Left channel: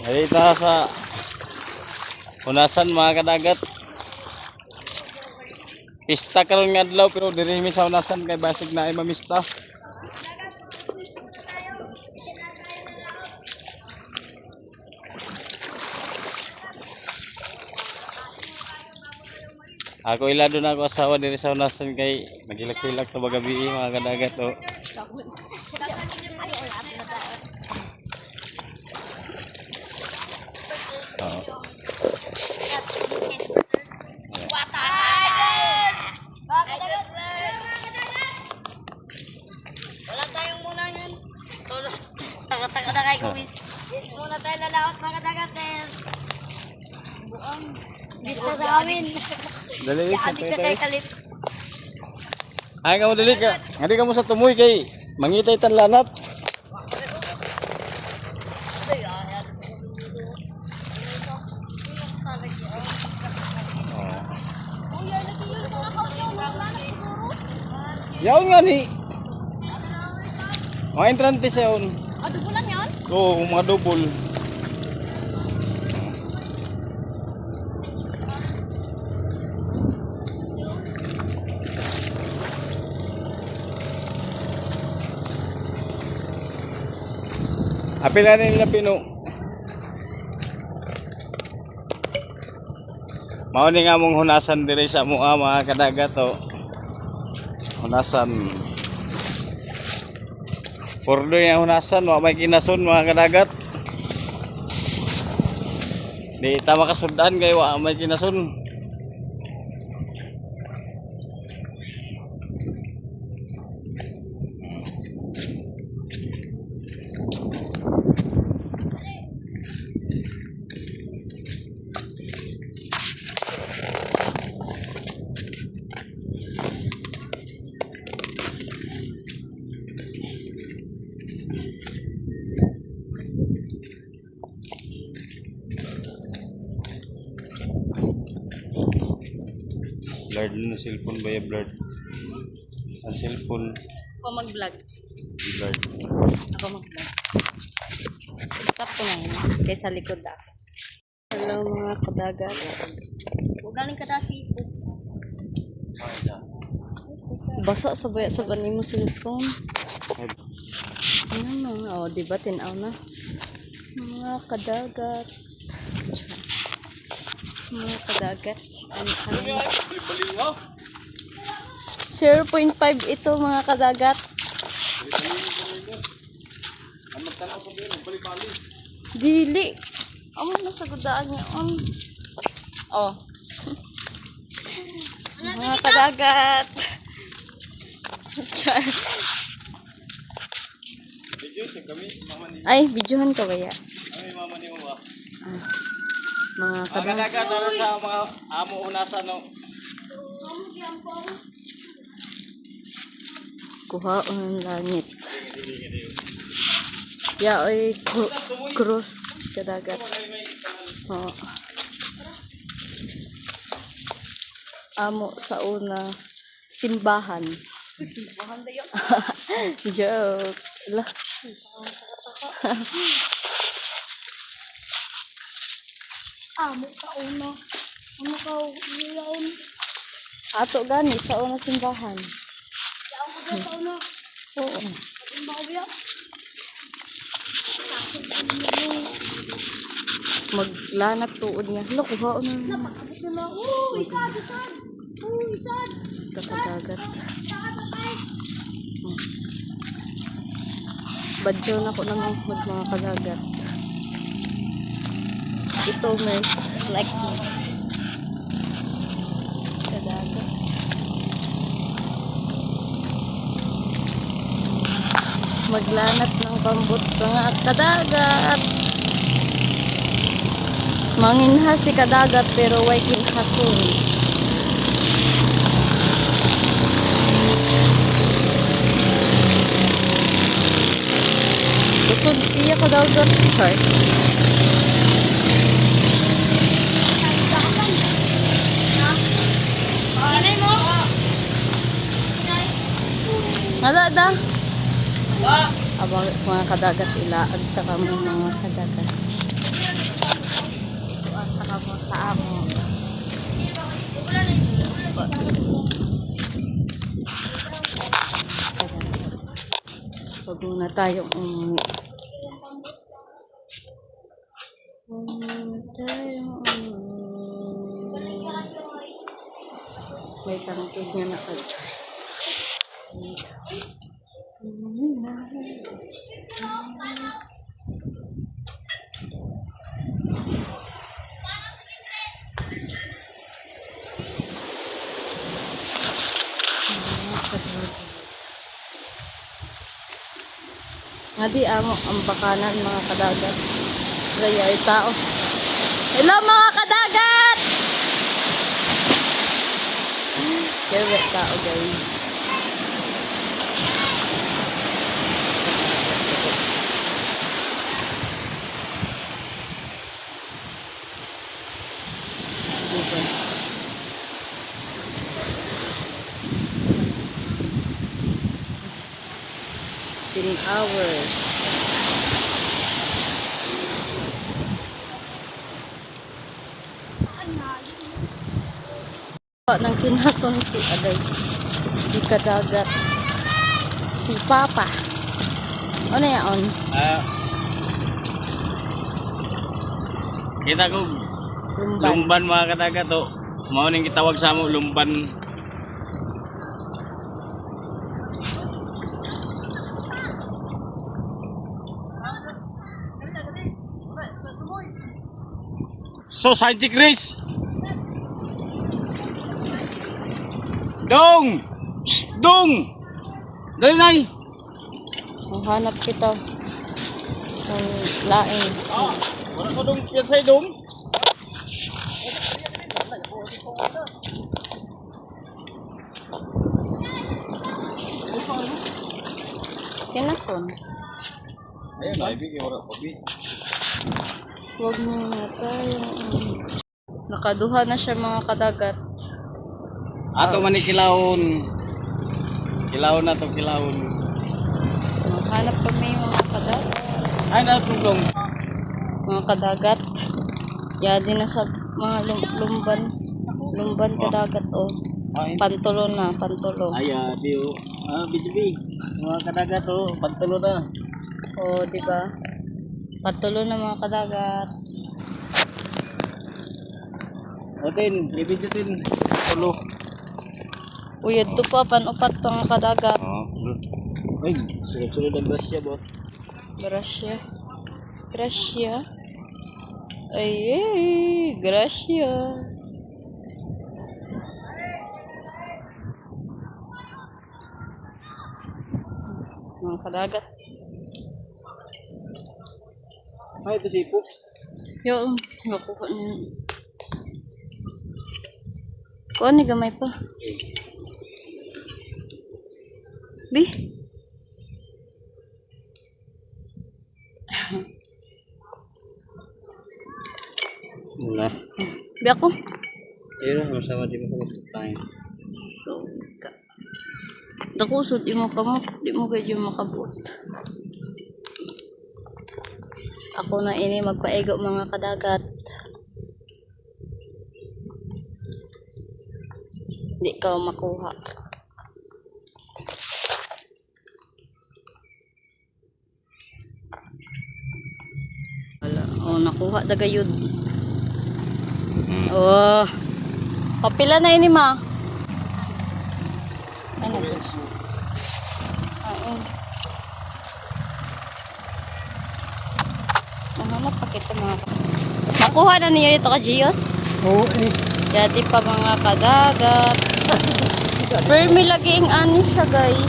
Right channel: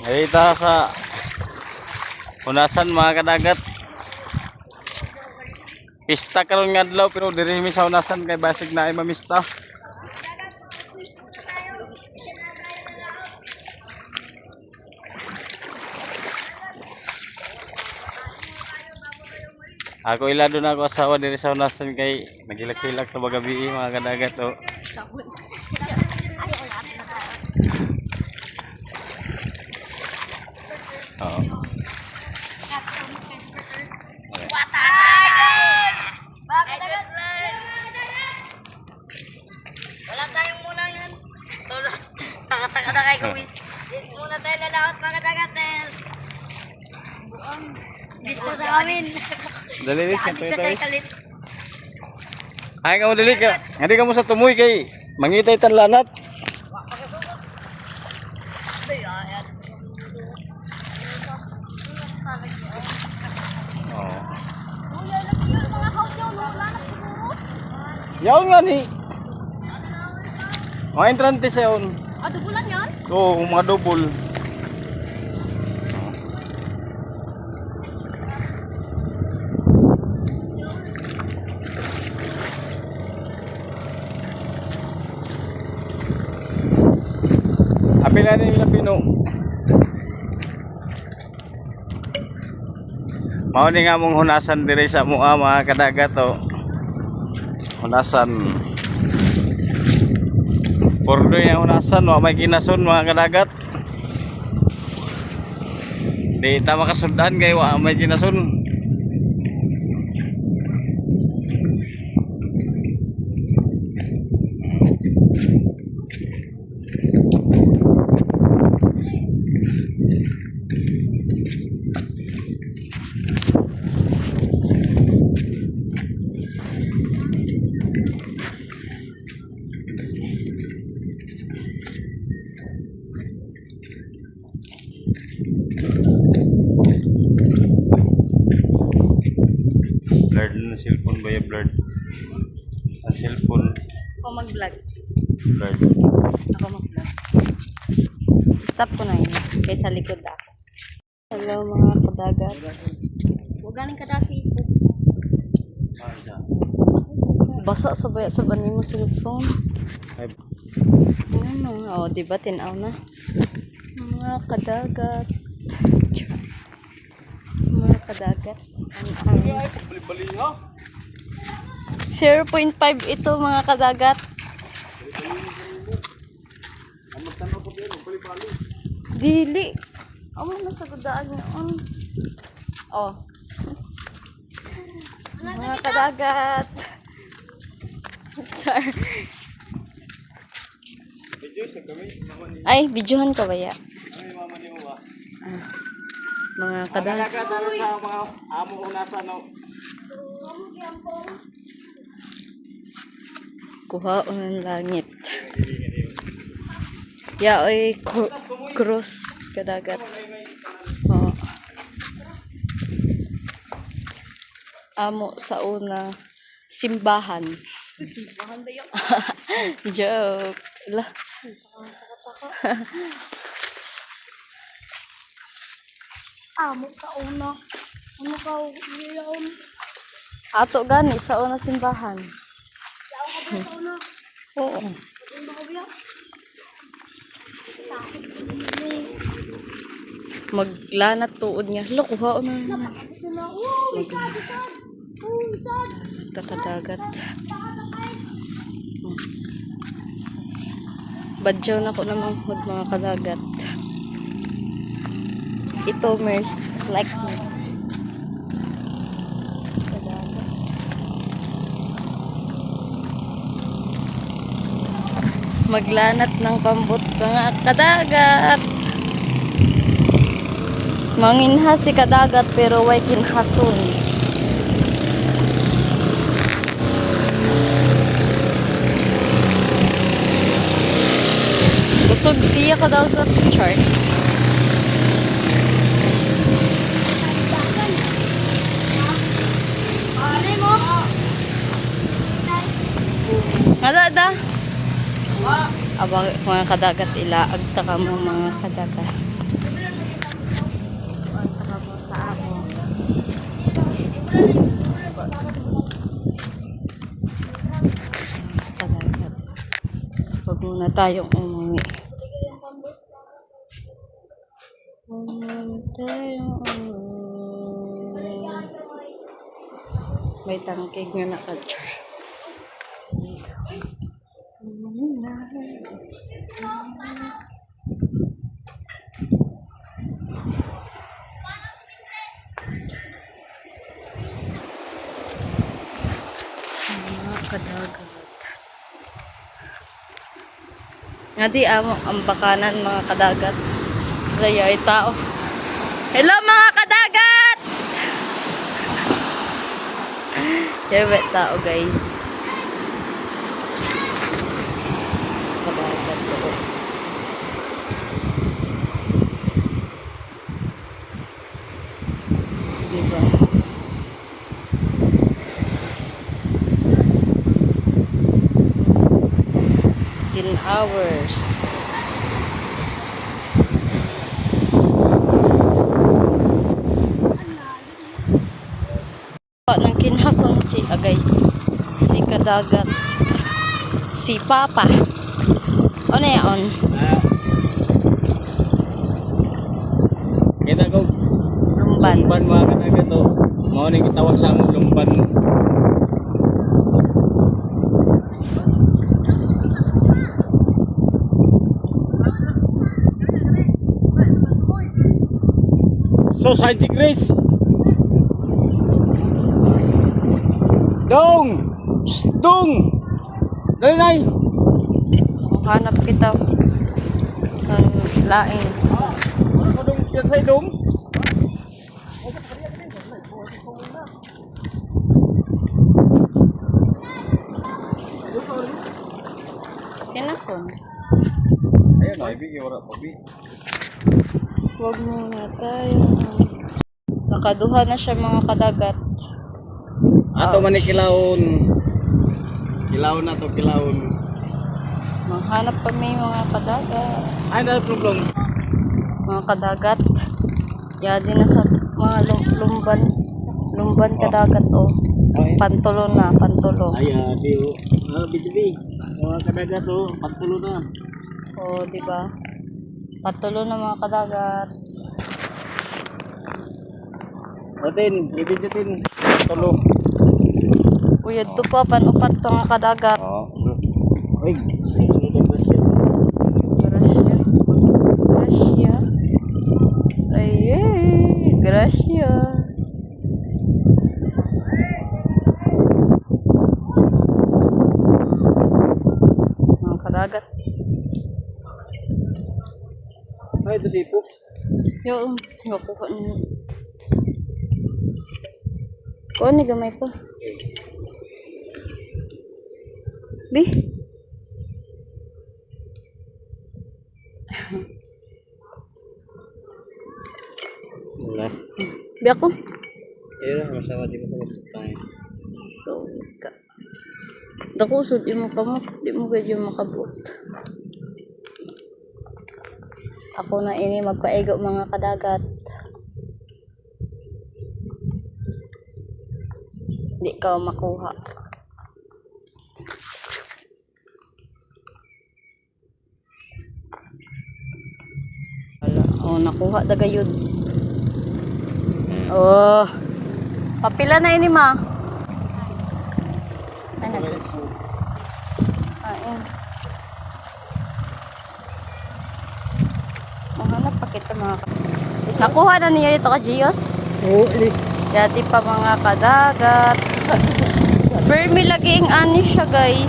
Narita sa Hunasan mga kadagat. Pista karon nga adlaw pero diri mi sa Hunasan kay basig na ay mamista. Ako ilado na ako asawa diri sa Hunasan kay nagilak-hilak na magabi mga kadagat oh. Oo. Wala tayong muna yan. Taka-taka na kayo guys. Muna tayo lalaot mga kadagat. Buang. Dispo sa amin. Dali Adik na kayo kalit. ay ka mo dili ka. Hindi ka mo sa tumoy kay mangitay tan lanat. Yaon nga ni. Mga entrante sa yaon. Dubulan yan? Oo, mga double. Apila na nila Pino. Mao ni nga mong hunasan diri sa mua mga kadagat oh. Hunasan. Pordo yung hunasan, wa may kinason mga kadagat. Di ta makasundan kay wa may kinason. Blurred na cellphone ba yung blurred? Ang cellphone Ako mag-vlog. blurred. Ako mag-vlog. Stop ko na yun. Kaysa likod ako. Hello mga kadagat. Huwag galing ka dasi. Basa sa baya sa bani mo cellphone. Ano? Oh, diba tinaw na? Mga kadagat. Mga kadagat. 0.5 ito mga kadagat. Dili. Amo na sa gudaan niya on. Oh. Mga kadagat. Char. Ay, videohan ka ba ya? Ay, mama ni Uwa. Mga Mga kadagat sa mga amo hunasan no. Kuha ang langit. Ya ay cross kadagat. Oh. Amo sa una simbahan. Simbahan dayo. Joke. Lah. Amo sa una. Ano ka iyon? Ato gani sa una simbahan. Sa una. Oo. Maglanat tuod niya. Lo, kuha na. Kakadagat. Badyo na ko naman mga kadagat. Ito means like me. Kadagat. Maglanat ng pambot mga kadagat. Manginha si kadagat pero way kinhason. Kusog siya kadagat. Sorry. Mo? Nga da. Abang mga kadagat ilaag ta ka mo mga kadagat. Ang taka mo sa amo. Kadagat. Huwag muna tayong umuwi. Huwag muna tayong umuwi. May tangkig nga naka-char. Kadagat. Nga di amo ang bakanan mga kadagat. Raya ay tao. Hello mga kadagat! Kaya tao guys. Kadagat po. Diba? 10 hours. Nang kinhason si agay, si kadagat, si papa. Ano yaon? Kita ko Lumban. lumban mga kadagat to. Mao ning gitawag sa amo lumban. Society Grace. Dong! Shh, dong! Dali nay! Hanap kita ng laing. Wala ko dong yan sa'yo dong. Kinason. Ayun na, ibigay wala pa bi. Huwag muna tayo. Nakaduha na siya mga kadagat. Ato man ni kilawon. Kilawon na to, kilawon. Maghanap kami mga kadagat. Ay, na problem. Mga kadagat. Yadi na sa mga lumban. Lumban kadagat o. Pantulo na, pantulo. Ay, biyo. Bijubi. Mga kadagat to, pantulo na. O, di ba? Pantulo na mga kadagat. Otin, bibijutin. Pantulo. Uyod to pa, panupat pa mga kadagat. Uy, sunod-sunod ang grasya ko. Gracia. Gracia. Ay, gracia. Mga kadagat. Ay, ito si Ipok. Yo, nakuha niyo. Kuha ni gamay pa. Bi? Wala. Bi ako? Pero, masama di mo ko tayo. So, ka. Dakusod, di mo kamot. Di mo kayo makabot. Ako na ini magpaigo mga kadagat. Di ka makuha. Oh, nakuha dagayod. Oh. Papila na ini ma. Ay, ayun. Mahanap pa kita mga nakuha na niya ito ka Gios? Oo, ini. Yati pa mga kadagat. Vermi lagi ang ani siya guys.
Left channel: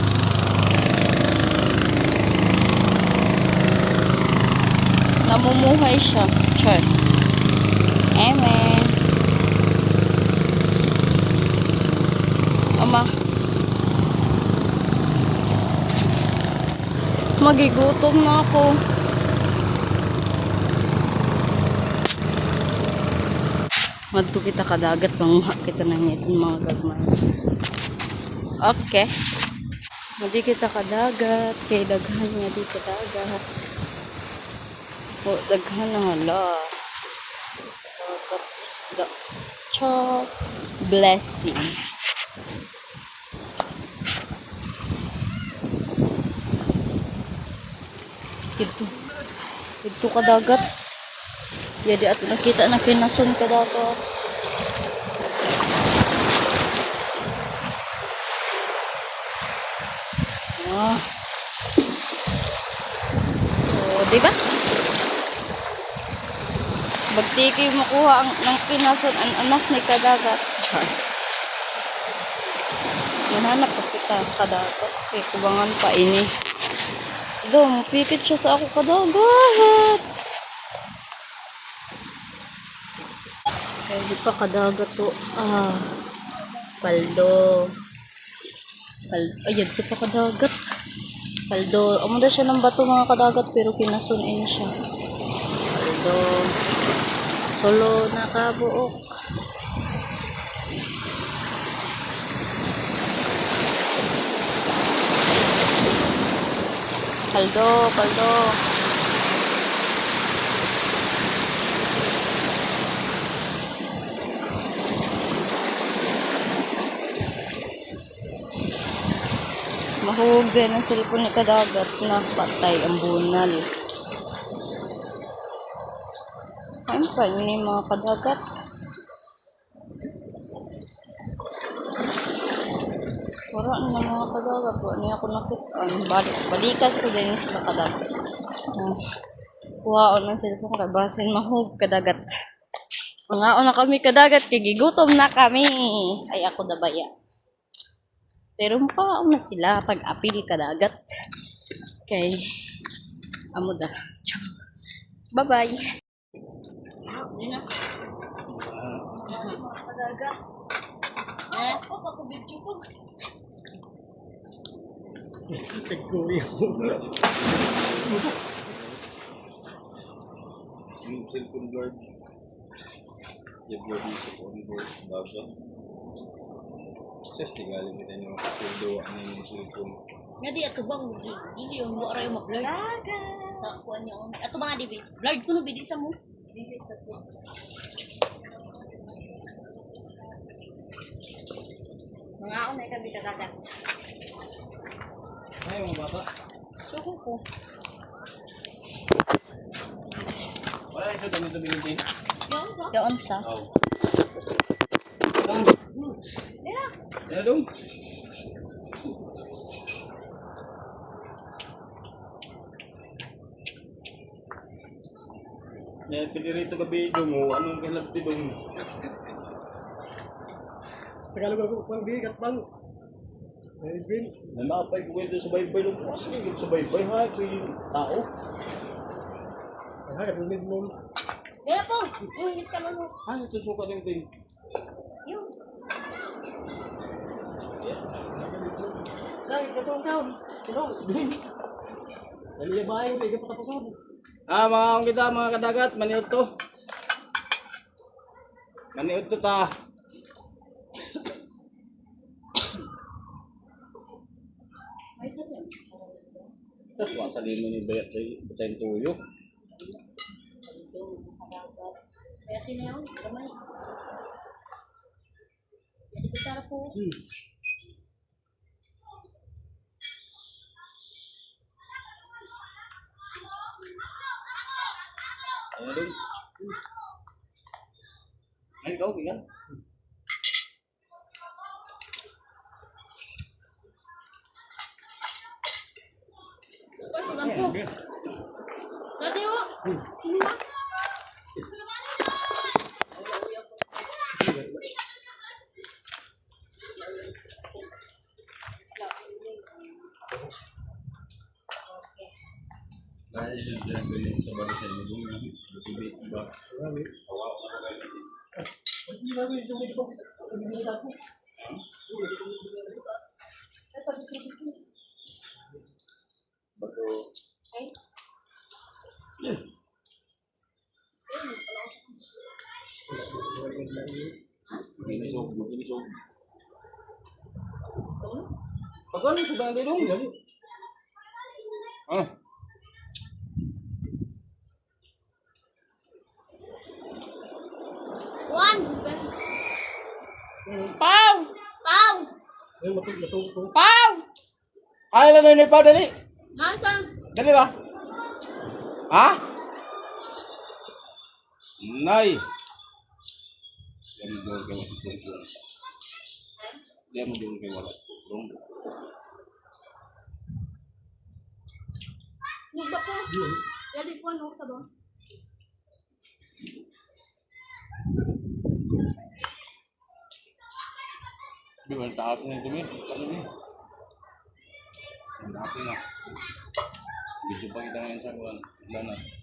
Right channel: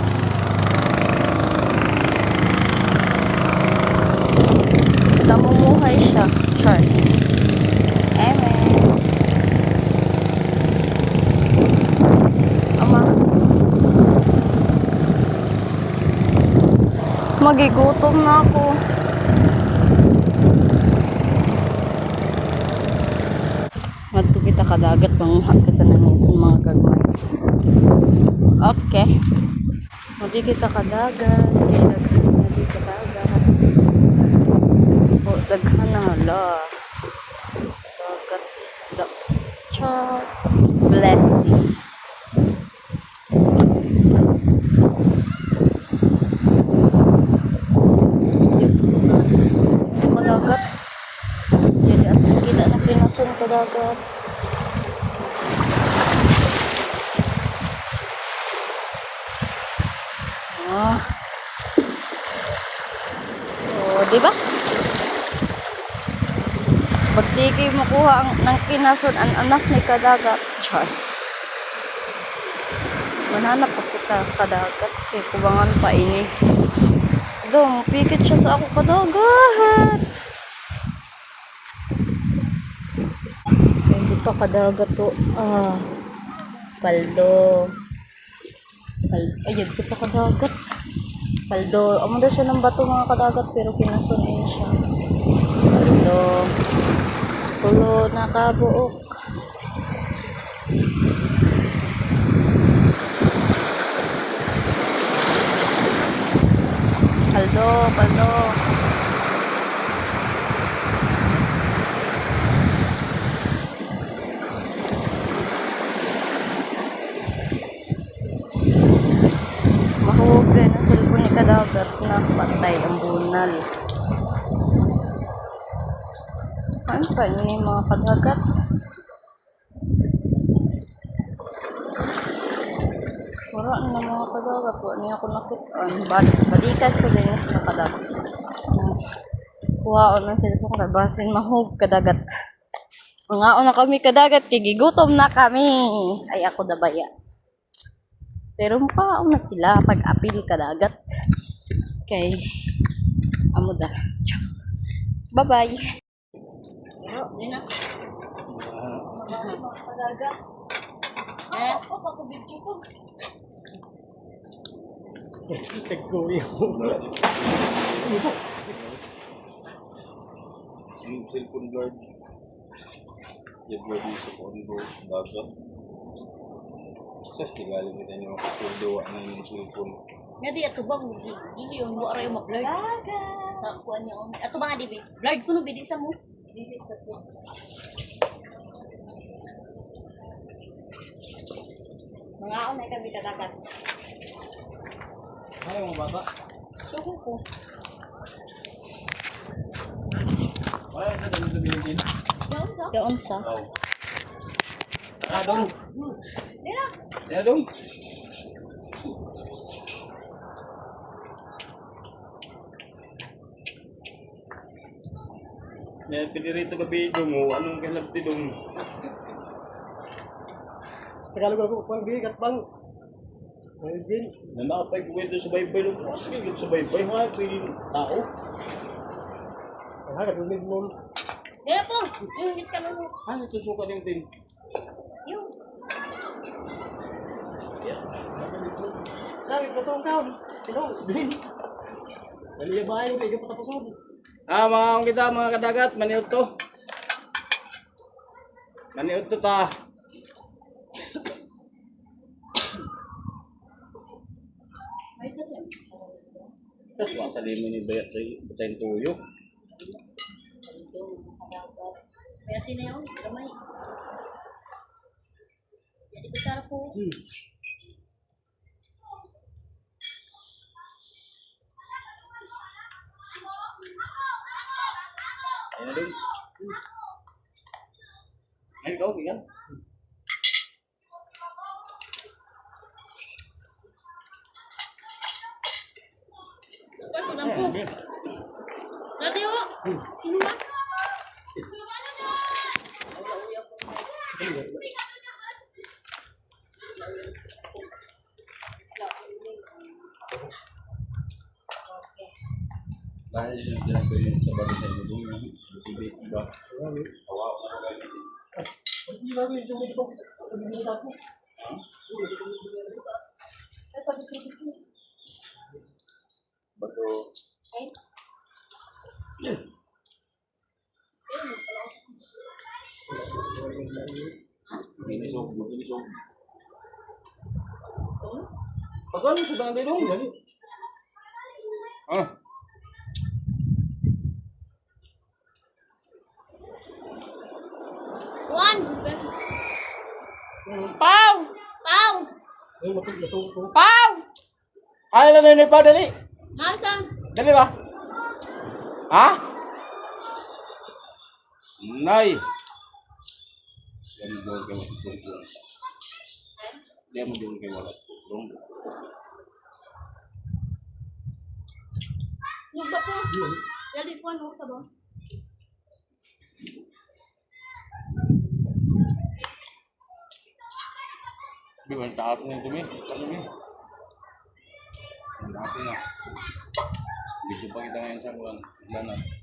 Namumuhay siya. Char. Amen. Ama. Magigutom na ako. Madto kita kadagat, manguha kita ng itong mga gagmay. Okay. Hindi kita kadagat. Kaya daghan niya di kadagat. O, daghan na hala. Dagat isda. Chop. Blessing. Ito kadagat. Jadi at nakita na kinasun kadagat. Oh. Oh, di ba? Bagdi kayo makuha ng kinasun ang anak ni kadagat. Char. Manhanap pa kita kadagat. Kaya kubangan pa ini. Dong, pipit siya sa ako kadagat. Hindi pa kadagat to. Ah. Paldo. Ayun, di pa kadagat. Paldo. Amo na siya ng bato mga kadagat pero kinasunin siya. Paldo. Tulo na kabuok. Paldo, paldo. Mahugay ng cellphone ni kadagat na patay ang bunal. Ano pa ini mga kadagat? Wala na mga kadagat. Wala niya ako nakitaan. Balikan ko din sa kadagat. Kuhaon ng cellphone ka. Basin mahug kadagat. Mangaon na kami kadagat. Tigigutom na kami. Ay ako dabaya. Pero mukhaon na sila pag-apil kadagat. Okay. Amo da. Bye-bye. Dina. Kadagat. Tapos ako video ko. Yung cellphone guard. Yung body sa kondo. Dagat. Sas, tigaling kita nyo. Sildo, ano yung cellphone. Nga di ato bang dili yung buwa rayo mag-blurred. Sa kuan niyo. Ato ba nga di ba? Blurred ko no bidi sa mo. Dili sa to. Mga ako na kami kadagat. Ayaw mo baba? Tuko ko. Wala yung sa dami-dami din. Yung unsa? Oo. Adong. Dira. Adong. Yan, pinirito ka bidong mo. Anong kalagti dong? Tagalog ako pang bigat bang. Ay bin. Nanapay ko ito sa baybay ng kasi ito sa baybay ha, yung tao. Ay hagat ulit mo. Dira po. Yung hit ka mo. Ah, ito suka din din. Yung. Ay katong kaon. Tulong bin. Dali ba ayo di patapos. Ah, mga kita mga kadagat, maniud to. Maniud to ta. Ay sa yan. Tapos masali mo ni bayat butayin tuyo. Kaya sino yun? Gamay. Jadi besar po. Ayun na din. Ay, ikaw, bigan. Ano lang po? Radio! Ano ba? Dahil yun lang ko yung sa bago sa inyo doon. Lutibit, iba. Hawa ko na kayo. Hindi ba ko yung medyo pag-ibig ako. Bago. Ay. Binisog, binisog. Pagkano sa daan dito? Dali. Oh. One. Pau! Pau. Ay, matug. Pau! Ay, lang na pa, dali. Nasaan? Dali ba? Ha? Nay. Diyan mo doon kayo. Diyan mo doon kayo. Nagba po. Dali po ano ka ba? Di ba, tapos na dumi. Ano ni? Ang dami na. Bisa pa kita ngayon sa buwan. Lanat.